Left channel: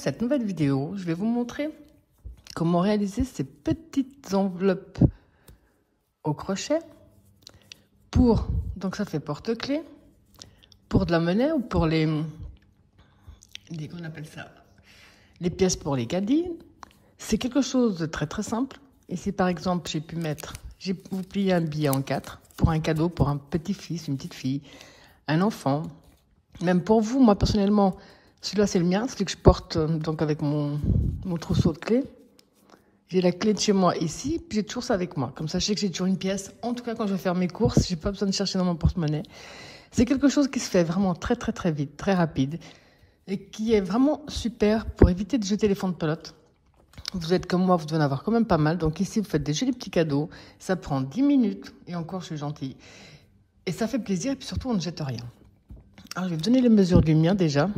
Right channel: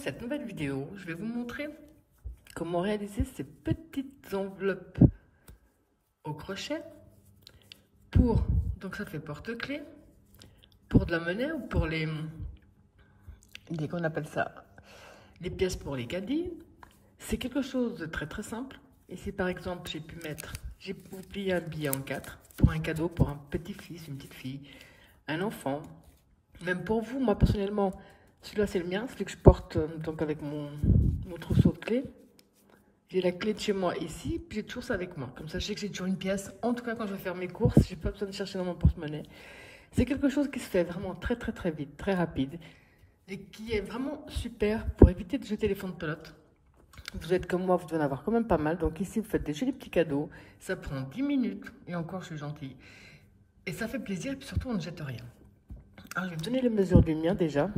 cette nouvelle vidéo, je vais vous montrer comment réaliser ces petites enveloppes au crochet pour, donc ça fait porte-clés, pour de la monnaie ou pour qu'on appelle ça, les pièces pour les caddies. C'est quelque chose de très très simple. Ici par exemple, j'ai plié un billet en 4 pour un cadeau pour un petit-fils, une petite fille, un enfant. Même pour vous, moi personnellement, celui-là c'est le mien, celui que je porte donc avec mon trousseau de clés. J'ai la clé de chez moi ici, puis j'ai toujours ça avec moi. Comme ça, je sais que j'ai toujours une pièce. En tout cas, quand je vais faire mes courses, j'ai pas besoin de chercher dans mon porte-monnaie. C'est quelque chose qui se fait vraiment très très très vite, très rapide, et qui est vraiment super pour éviter de jeter les fonds de pelote. Vous êtes comme moi, vous devez en avoir quand même pas mal. Donc ici, vous faites des jolis petits cadeaux. Ça prend 10 minutes, et encore, je suis gentille. Et ça fait plaisir, et puis surtout, on ne jette rien. Alors, je vais vous donner les mesures du mien déjà.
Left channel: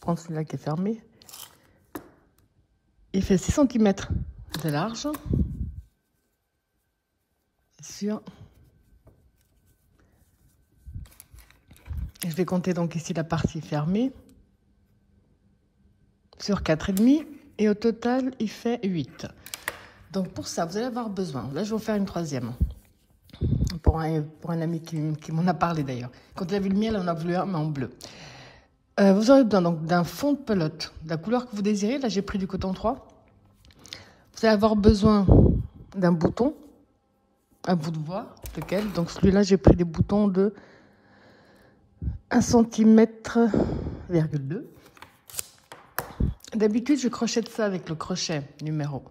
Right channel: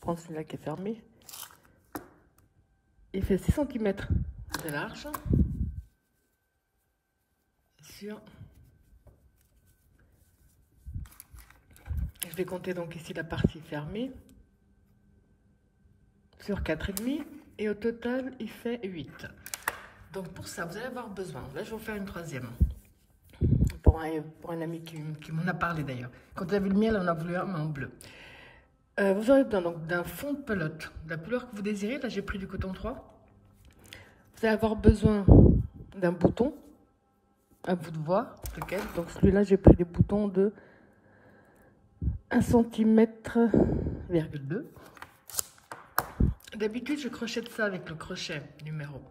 Prendre celui-là qui est fermé. Il fait 6 cm de large. Sur... Je vais compter donc ici la partie fermée. Sur 4,5. Et au total, il fait 8. Donc pour ça, vous allez avoir besoin. Là, je vais vous faire une troisième. Pour un ami qui m'en a parlé d'ailleurs. Quand il a vu le miel, on a voulu un, mais en bleu. Vous aurez besoin donc d'un fond de pelote, de la couleur que vous désirez. Là, j'ai pris du coton 3. Vous allez avoir besoin d'un bouton. À vous de voir lequel. Donc celui-là, j'ai pris des boutons de 1 cm,2. D'habitude, je crochette ça avec le crochet numéro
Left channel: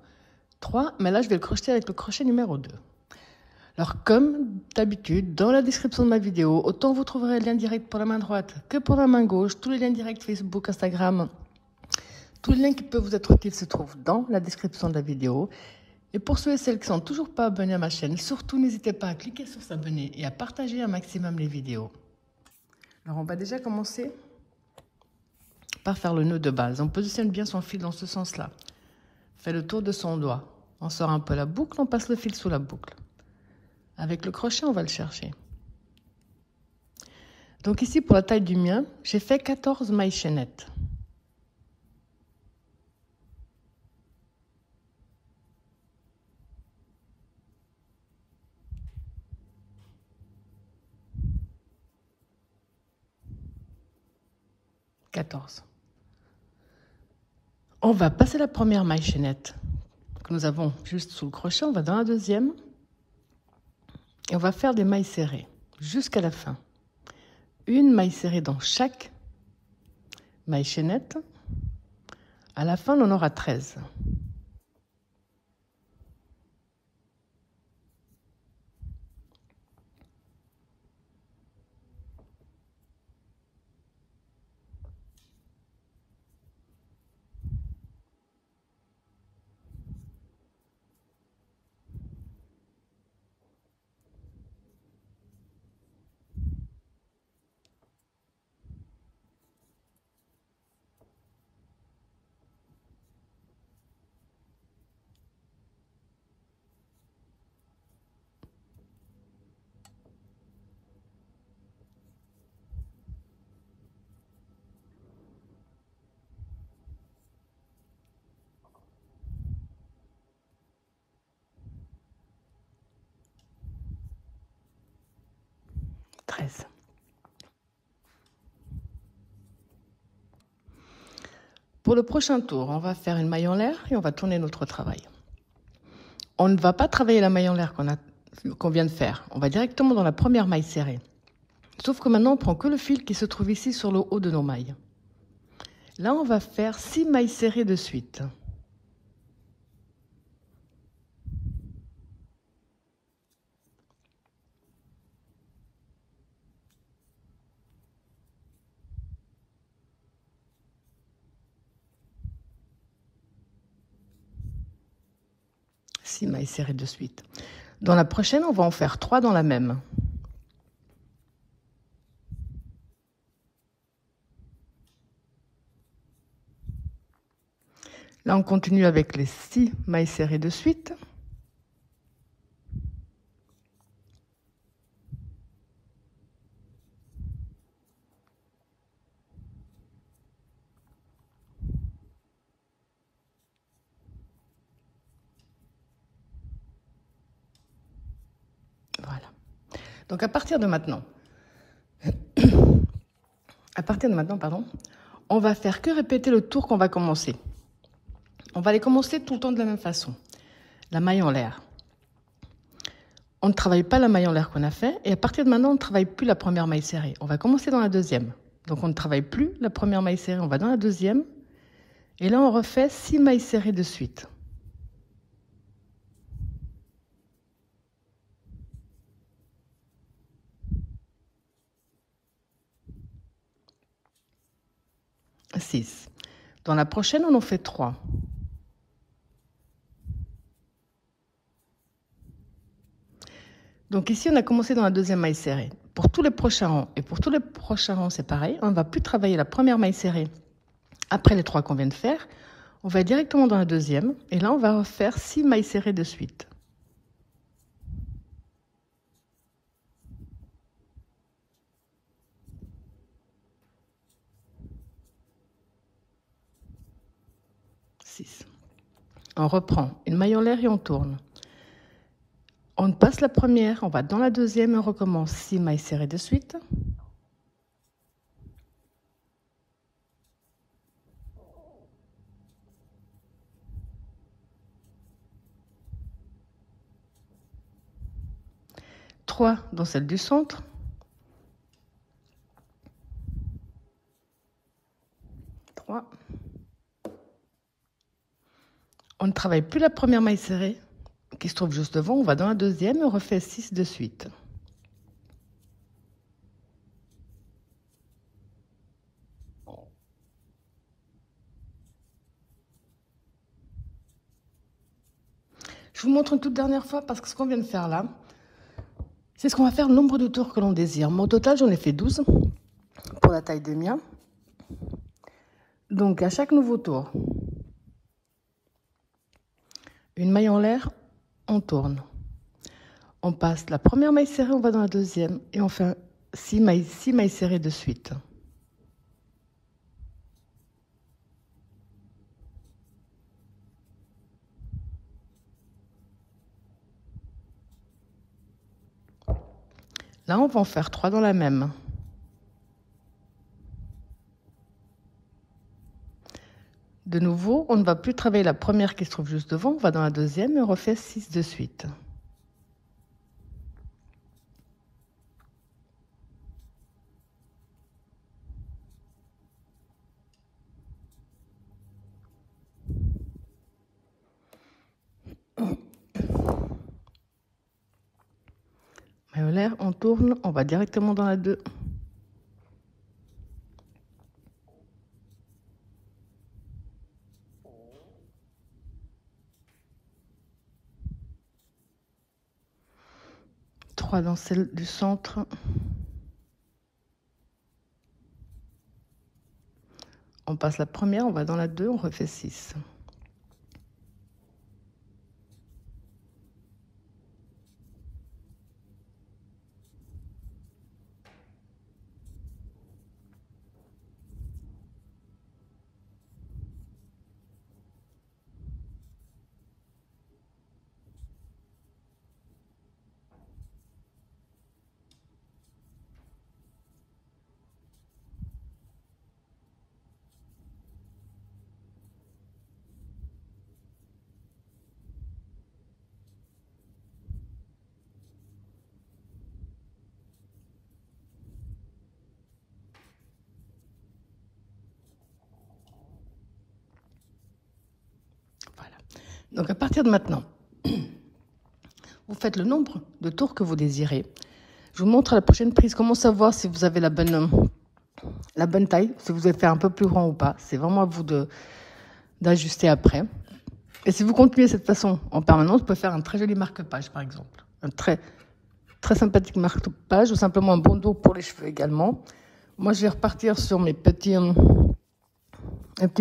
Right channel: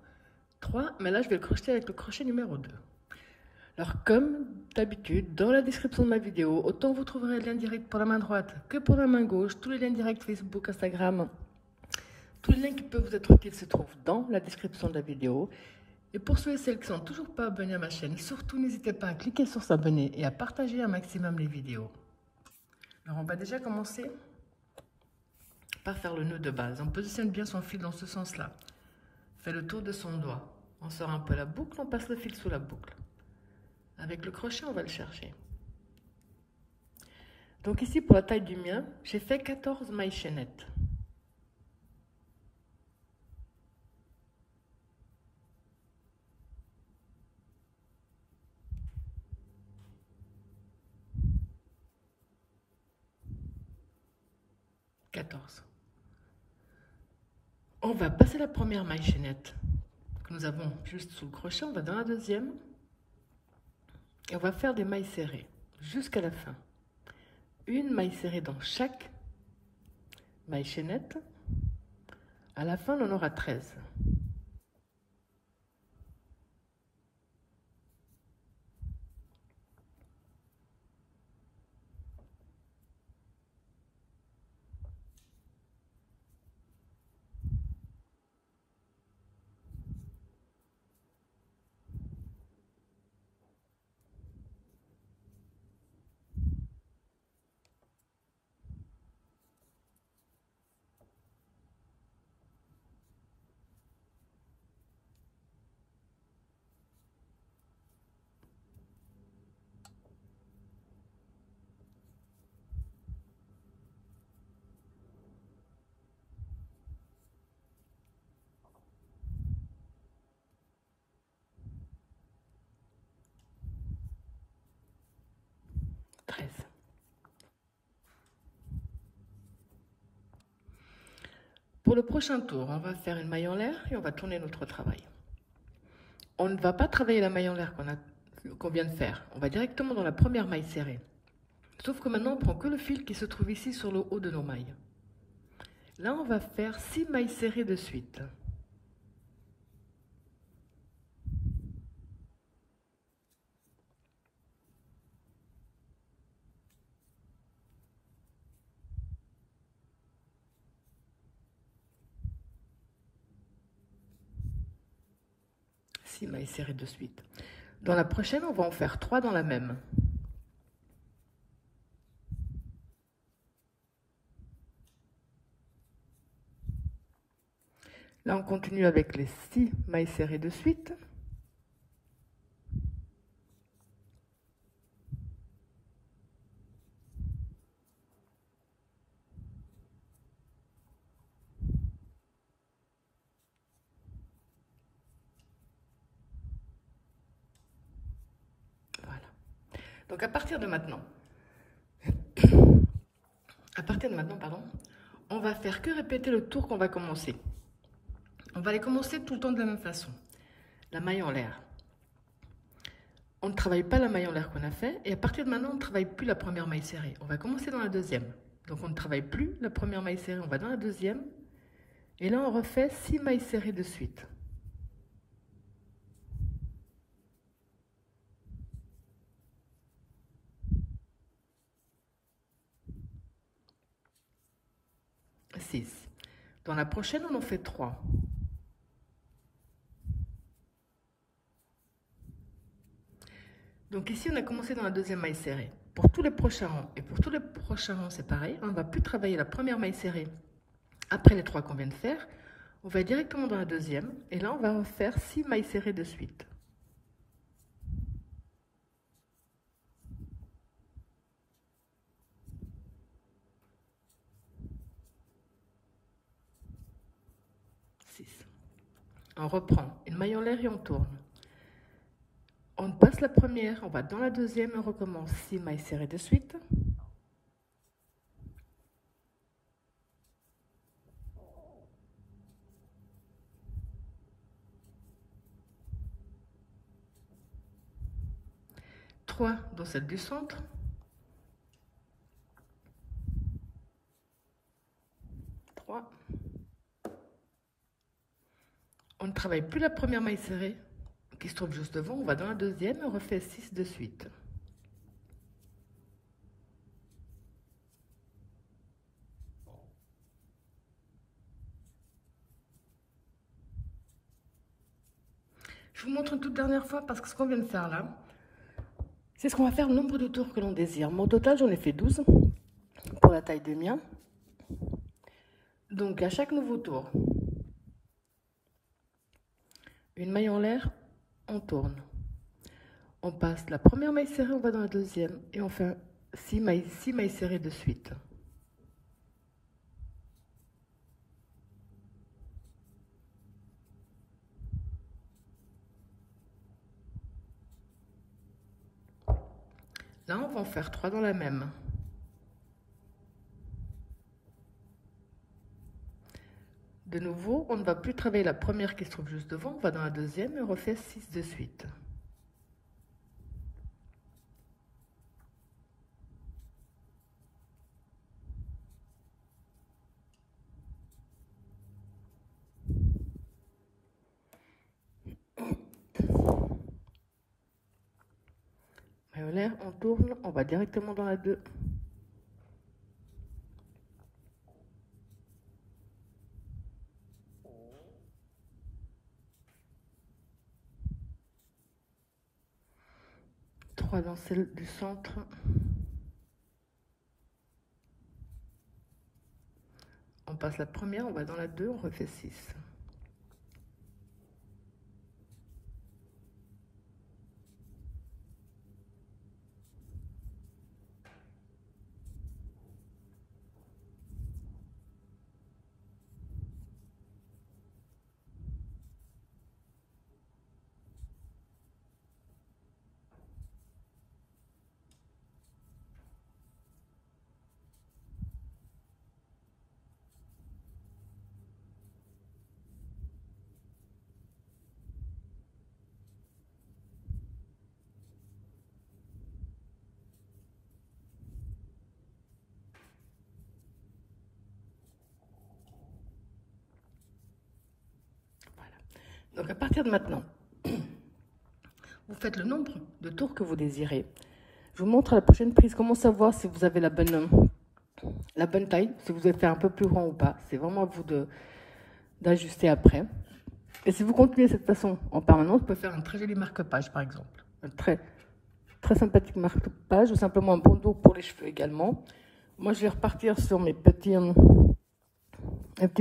3, mais là, je vais le crocheter avec le crochet numéro 2. Alors, comme d'habitude, dans la description de ma vidéo, autant vous trouverez le lien direct pour la main droite que pour la main gauche. Tous les liens directs Facebook, Instagram, tous les liens qui peuvent vous être utiles se trouvent dans la description de la vidéo. Et pour ceux et celles qui ne sont toujours pas abonnés à ma chaîne, surtout n'hésitez pas à cliquer sur s'abonner et à partager un maximum les vidéos. Alors, on va déjà commencer par faire le nœud de base. On positionne bien son fil dans ce sens-là. Fait le tour de son doigt. On sort un peu la boucle, on passe le fil sous la boucle. Avec le crochet, on va le chercher. Donc ici, pour la taille du mien, j'ai fait 14 mailles chaînettes. On va passer la première maille chaînette que nous avons juste sous le crochet. On va dans la deuxième. Et on va faire des mailles serrées jusqu'à la fin. Une maille serrée dans chaque maille chaînette. À la fin, on en aura 13. Pour le prochain tour, on va faire une maille en l'air et on va tourner notre travail. On ne va pas travailler la maille en l'air qu'on vient de faire. On va directement dans la première maille serrée. Sauf que maintenant, on prend que le fil qui se trouve ici sur le haut de nos mailles. Là, on va faire 6 mailles serrées de suite. Six mailles serrées de suite. Dans la prochaine, on va en faire 3 dans la même. Là, on continue avec les 6 mailles serrées de suite. Donc à partir de maintenant, pardon, on va faire que répéter le tour qu'on va commencer. On va les commencer tout le temps de la même façon. La maille en l'air. On ne travaille pas la maille en l'air qu'on a fait. Et à partir de maintenant, on ne travaille plus la première maille serrée. On va commencer dans la deuxième. Donc on ne travaille plus la première maille serrée. On va dans la deuxième. Et là, on refait 6 mailles serrées de suite. Six. Dans la prochaine, on en fait 3. Donc ici, on a commencé dans la deuxième maille serrée. Pour tous les prochains rangs, et pour tous les prochains rangs, c'est pareil. On ne va plus travailler la première maille serrée après les 3 qu'on vient de faire. On va directement dans la deuxième. Et là, on va refaire 6 mailles serrées de suite. On reprend une maille en l'air et on tourne. On passe la première, on va dans la deuxième et on recommence 6 mailles serrées de suite. Trois dans celle du centre. On ne travaille plus la première maille serrée qui se trouve juste devant, on va dans la deuxième et on refait 6 de suite. Je vous montre une toute dernière fois parce que ce qu'on vient de faire là, c'est ce qu'on va faire le nombre de tours que l'on désire. Moi, au total, j'en ai fait 12 pour la taille des miens. Donc, à chaque nouveau tour, une maille en l'air, on tourne. On passe la première maille serrée, on va dans la deuxième et on fait 6 mailles serrées de suite. Là, on va en faire 3 dans la même. De nouveau, on ne va plus travailler la première qui se trouve juste devant, on va dans la deuxième et on refait 6 de suite. Maille en l'air, on tourne, on va directement dans la 2. Dans celle du centre. On passe la première, on va dans la 2, on refait 6. Donc à partir de maintenant, vous faites le nombre de tours que vous désirez. Je vous montre à la prochaine prise comment savoir si vous avez la bonne taille, si vous avez fait un peu plus grand ou pas. C'est vraiment à vous d'ajuster après. Et si vous continuez de cette façon en permanence, vous pouvez faire un très joli marque-page par exemple. Un très sympathique marque-page ou simplement un bandeau pour les cheveux également. Moi je vais repartir sur mes petits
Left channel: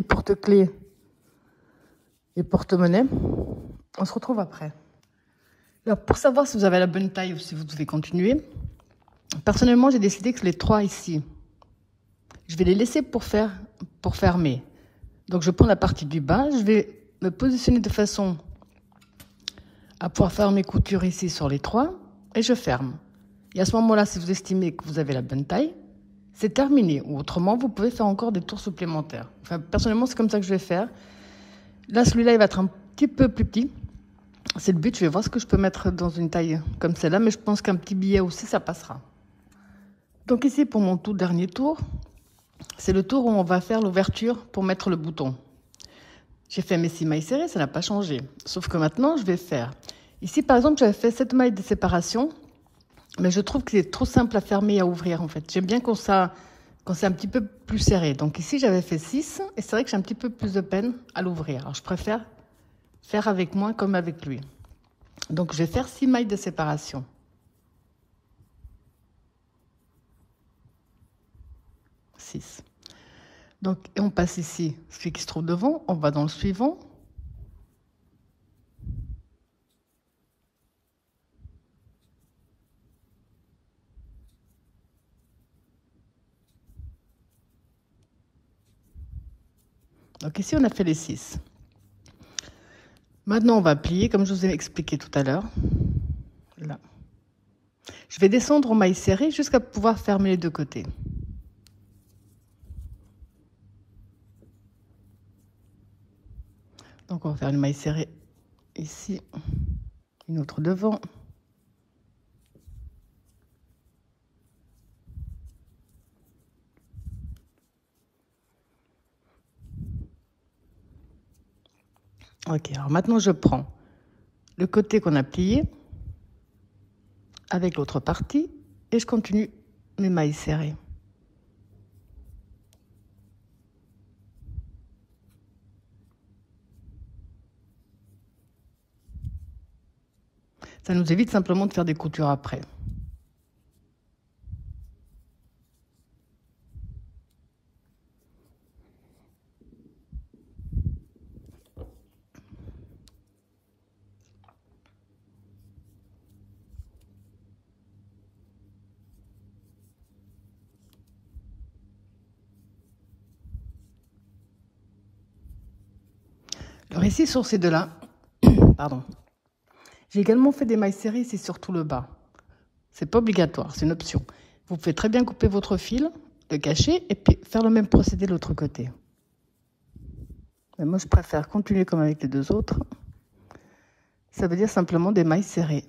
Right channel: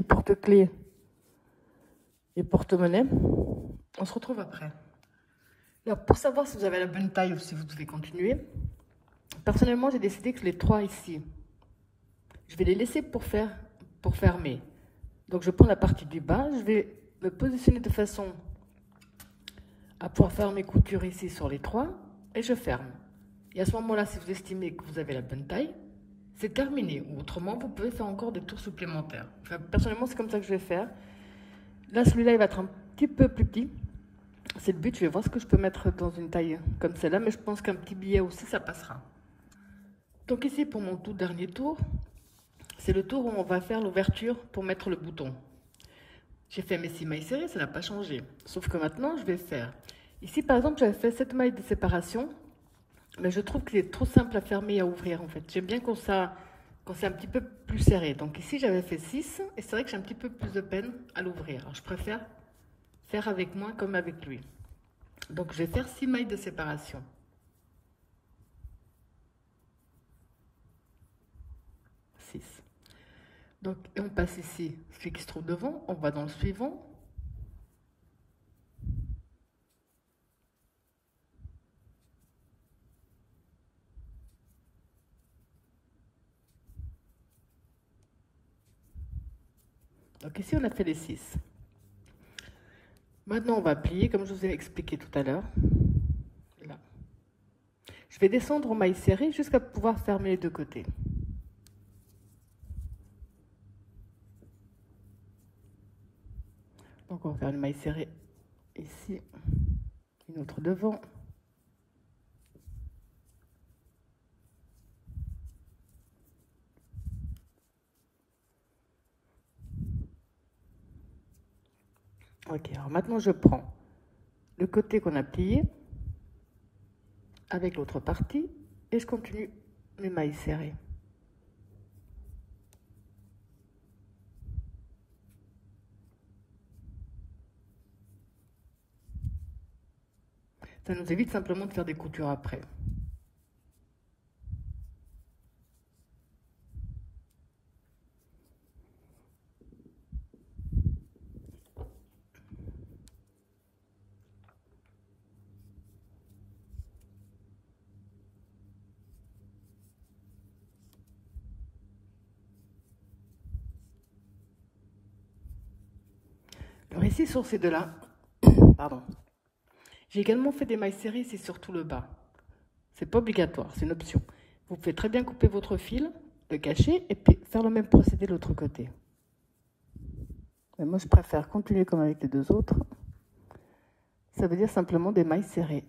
porte-clés et porte-monnaie. On se retrouve après. Alors, pour savoir si vous avez la bonne taille ou si vous devez continuer, personnellement, j'ai décidé que les 3 ici, je vais les laisser pour fermer. Donc, je prends la partie du bas, je vais me positionner de façon à pouvoir faire mes coutures ici sur les 3 et je ferme. Et à ce moment-là, si vous estimez que vous avez la bonne taille, c'est terminé. Ou autrement, vous pouvez faire encore des tours supplémentaires. Enfin, personnellement, c'est comme ça que je vais faire. Là, celui-là, il va être un petit peu plus petit. C'est le but, je vais voir ce que je peux mettre dans une taille comme celle-là, mais je pense qu'un petit billet aussi, ça passera. Donc ici, pour mon tout dernier tour, c'est le tour où on va faire l'ouverture pour mettre le bouton. J'ai fait mes 6 mailles serrées, ça n'a pas changé. Sauf que maintenant, je vais faire... Ici, par exemple, j'avais fait 7 mailles de séparation, mais je trouve que c'est trop simple à fermer et à ouvrir, en fait. J'aime bien quand c'est un petit peu plus serré. Donc ici, j'avais fait 6, et c'est vrai que j'ai un petit peu plus de peine à l'ouvrir. Alors, je préfère faire avec moins comme avec lui. Donc, je vais faire 6 mailles de séparation. Donc, et on passe ici, celui qui se trouve devant, on va dans le suivant. Donc ici, on a fait les 6. Maintenant, on va plier, comme je vous ai expliqué tout à l'heure. Là. Je vais descendre en mailles serrées jusqu'à pouvoir fermer les deux côtés. Donc, on va faire une maille serrée ici, une autre devant. Ok, alors maintenant, je prends le côté qu'on a plié avec l'autre partie et je continue mes mailles serrées. Ça nous évite simplement de faire des coutures après. Alors ici, sur ces deux-là, pardon, j'ai également fait des mailles serrées ici sur tout le bas. C'est pas obligatoire, c'est une option. Vous pouvez très bien couper votre fil, le cacher et puis faire le même procédé de l'autre côté. Mais moi, je préfère continuer comme avec les deux autres. Ça veut dire simplement des mailles serrées.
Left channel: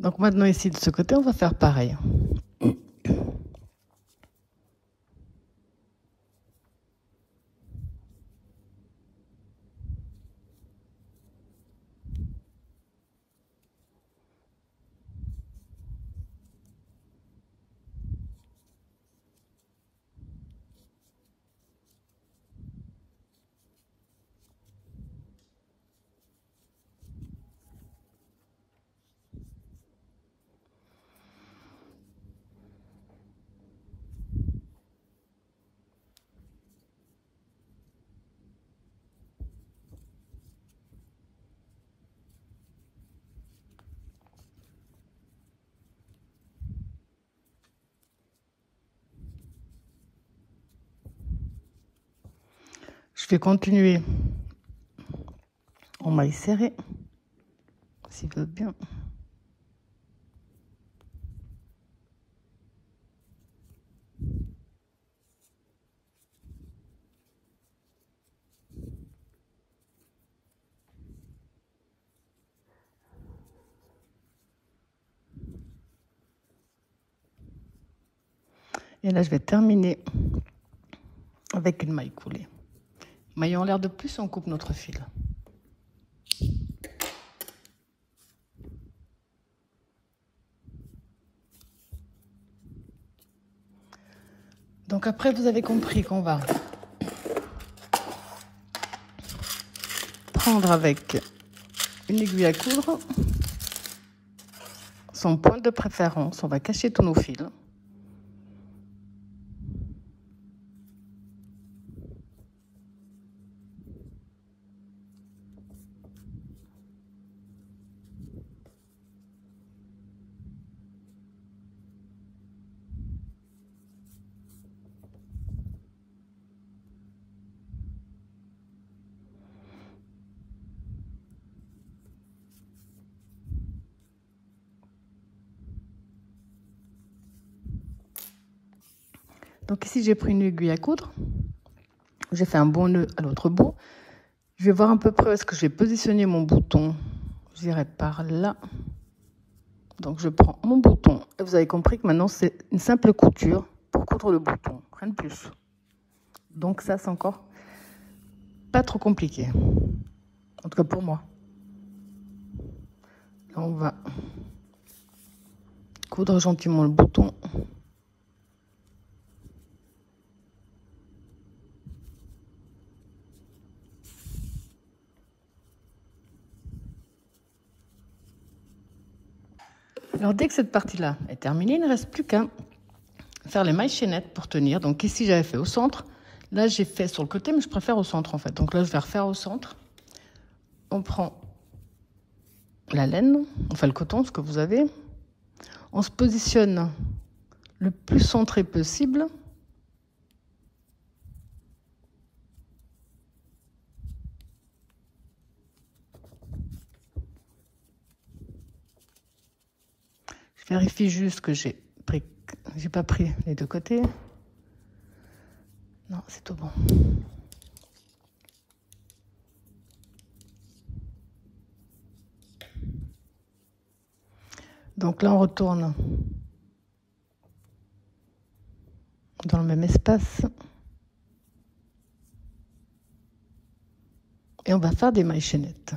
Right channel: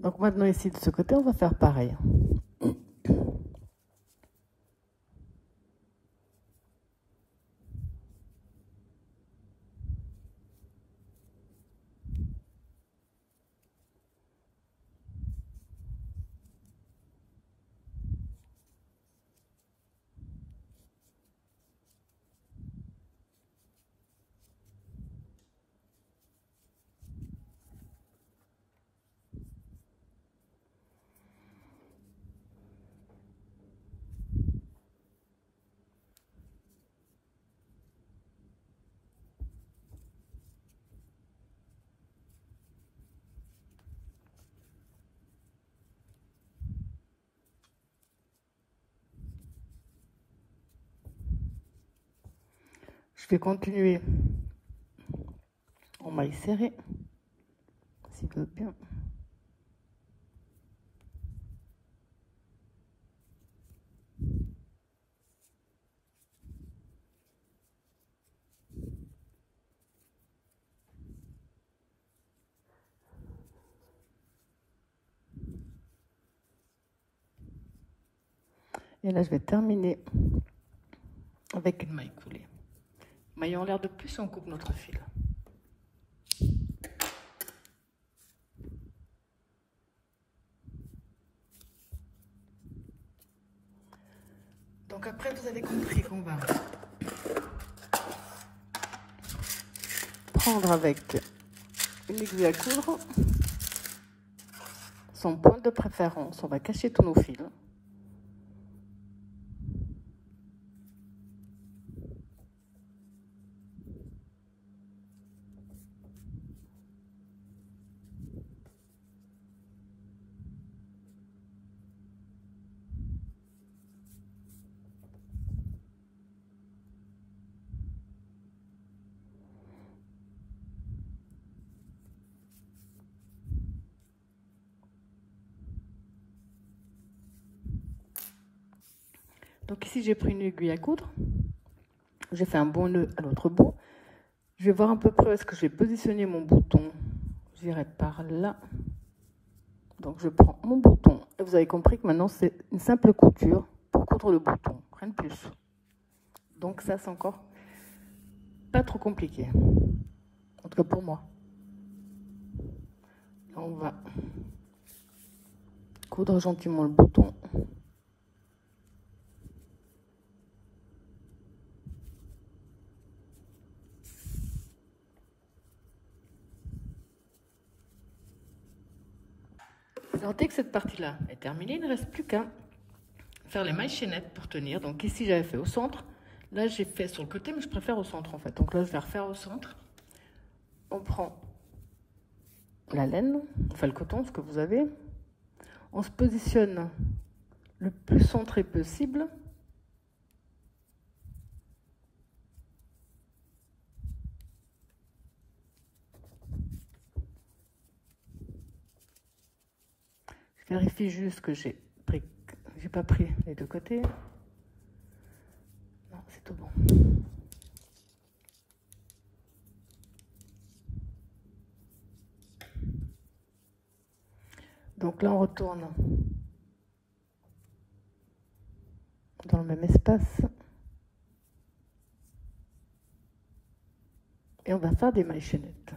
Donc maintenant ici, de ce côté, on va faire pareil. Je vais continuer en mailles serrées, s'il veut bien. Et là, je vais terminer avec une maille coulée. Maille en l'air de plus et on coupe notre fil. Donc après, vous avez compris qu'on va prendre avec une aiguille à coudre, son point de préférence, on va cacher tous nos fils. Donc ici, j'ai pris une aiguille à coudre. J'ai fait un bon nœud à l'autre bout. Je vais voir à peu près où est-ce que je vais positionner mon bouton. Je dirais par là. Donc je prends mon bouton. Et vous avez compris que maintenant, c'est une simple couture pour coudre le bouton. Rien de plus. Donc ça, c'est encore pas trop compliqué. En tout cas pour moi. Là, on va coudre gentiment le bouton. Alors dès que cette partie-là est terminée, il ne reste plus qu'à faire les mailles chaînettes pour tenir. Donc ici, j'avais fait au centre. Là, j'ai fait sur le côté, mais je préfère au centre en fait. Donc là, je vais refaire au centre. On prend la laine, enfin le coton, ce que vous avez. On se positionne le plus centré possible. Je vérifie juste que j'ai pas pris les deux côtés. Non, c'est tout bon. Donc là, on retourne dans le même espace. Et on va faire des mailles chaînettes.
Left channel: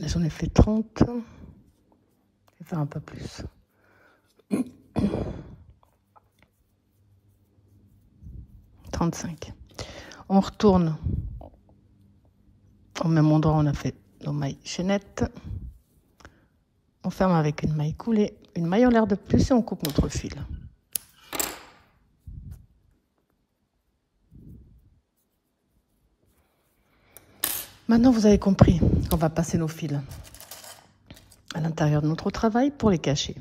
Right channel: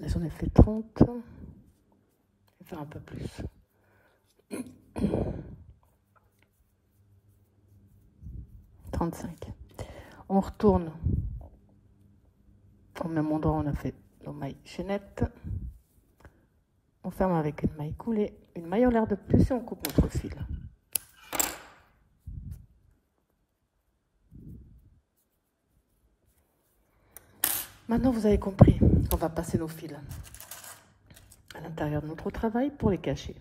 Là, j'en ai fait 30. Je vais faire un peu plus. 35. On retourne au même endroit où on a fait nos mailles chaînettes. On ferme avec une maille coulée, une maille en l'air de plus et on coupe notre fil. Maintenant, vous avez compris qu'on va passer nos fils à l'intérieur de notre travail pour les cacher.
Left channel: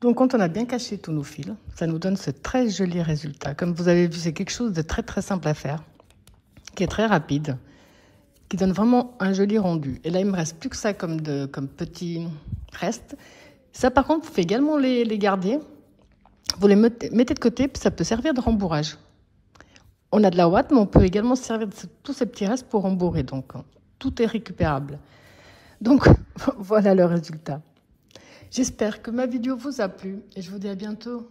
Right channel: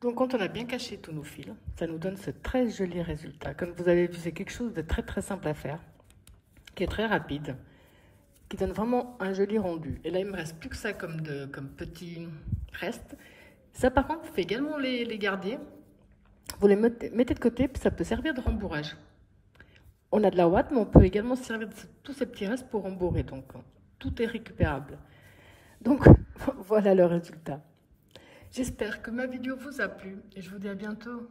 Donc, quand on a bien caché tous nos fils, ça nous donne ce très joli résultat. Comme vous avez vu, c'est quelque chose de très très simple à faire, qui est très rapide, qui donne vraiment un joli rendu. Et là, il me reste plus que ça comme petit reste. Ça, par contre, vous pouvez également les garder. Vous les mettez de côté, puis ça peut servir de rembourrage. On a de la ouate, mais on peut également se servir de tous ces petits restes pour rembourrer. Donc, tout est récupérable. Donc, voilà le résultat. J'espère que ma vidéo vous a plu et je vous dis à bientôt.